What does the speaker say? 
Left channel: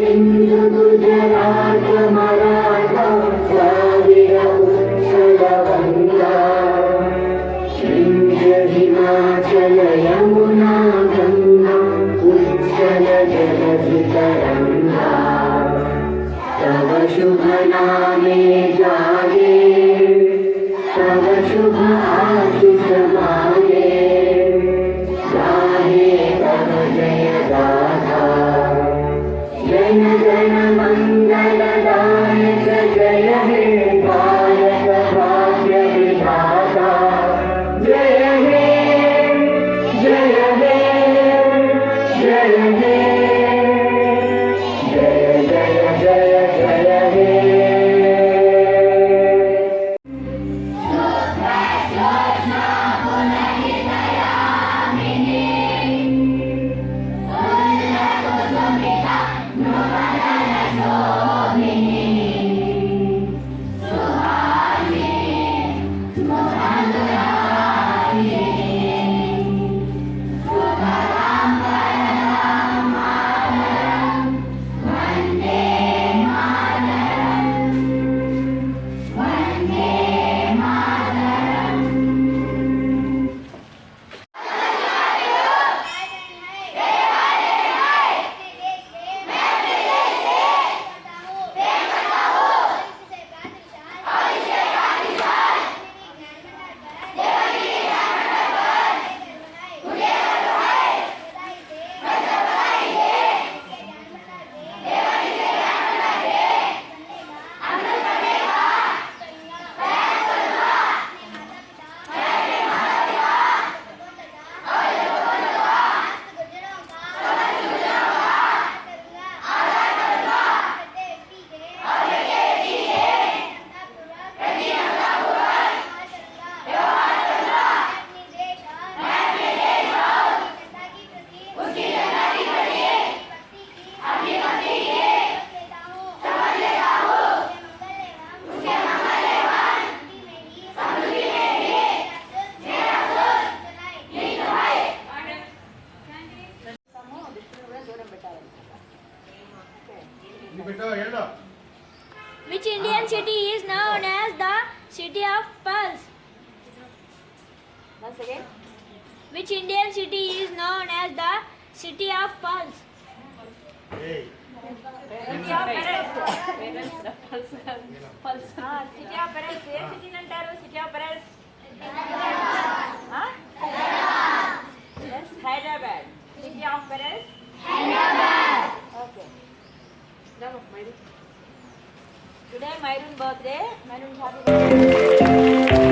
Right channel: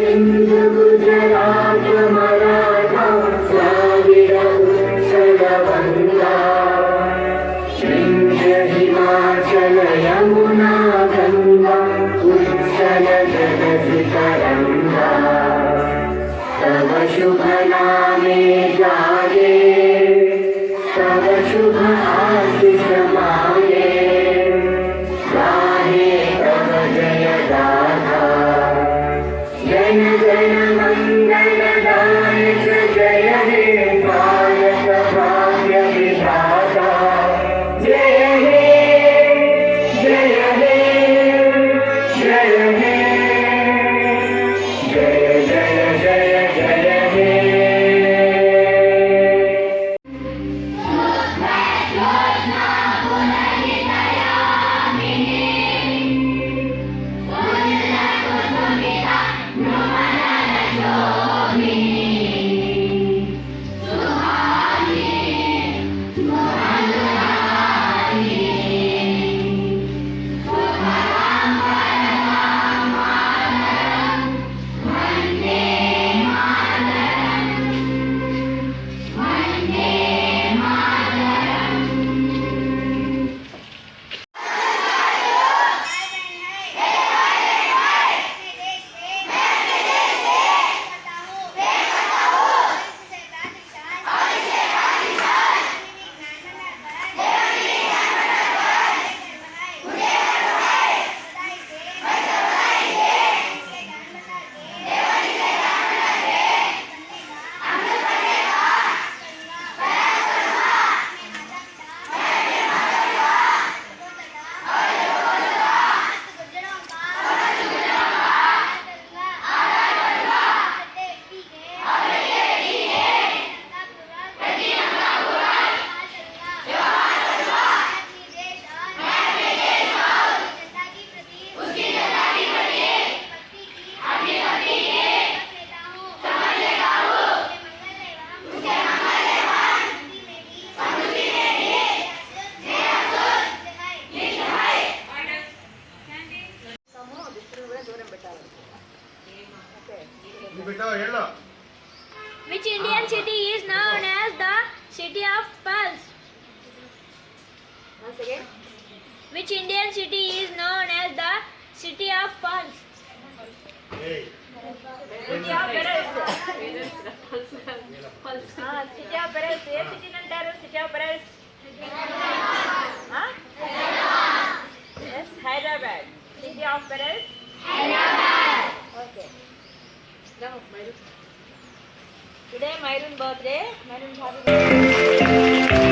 सिंध गुजरात मराठा द्राविड उत्कल गंगा विंध्य हिमाचल यमुना गंगा उच्चल जलधि तरंगा तव शुभ नामे जागे तव शुभ आशीष मांगे गाहे तव जय गाथा जन गण मंगल दायक जय हे भारत भाग्य विधाता जय हे जय हे जय हे जय जय जय जय हे Which Indian city is known as the City of Pearls? Once again. Which Indian city is known as the City of Pearls? Hey. City of Pearls. City of Pearls. A city అంటారు? City of Pearls. Yes, Hyderabad. City of Pearls. Hyderabad. Okay. Now, Mayroon. Today Mayroon birthday. Mayroon happy birthday.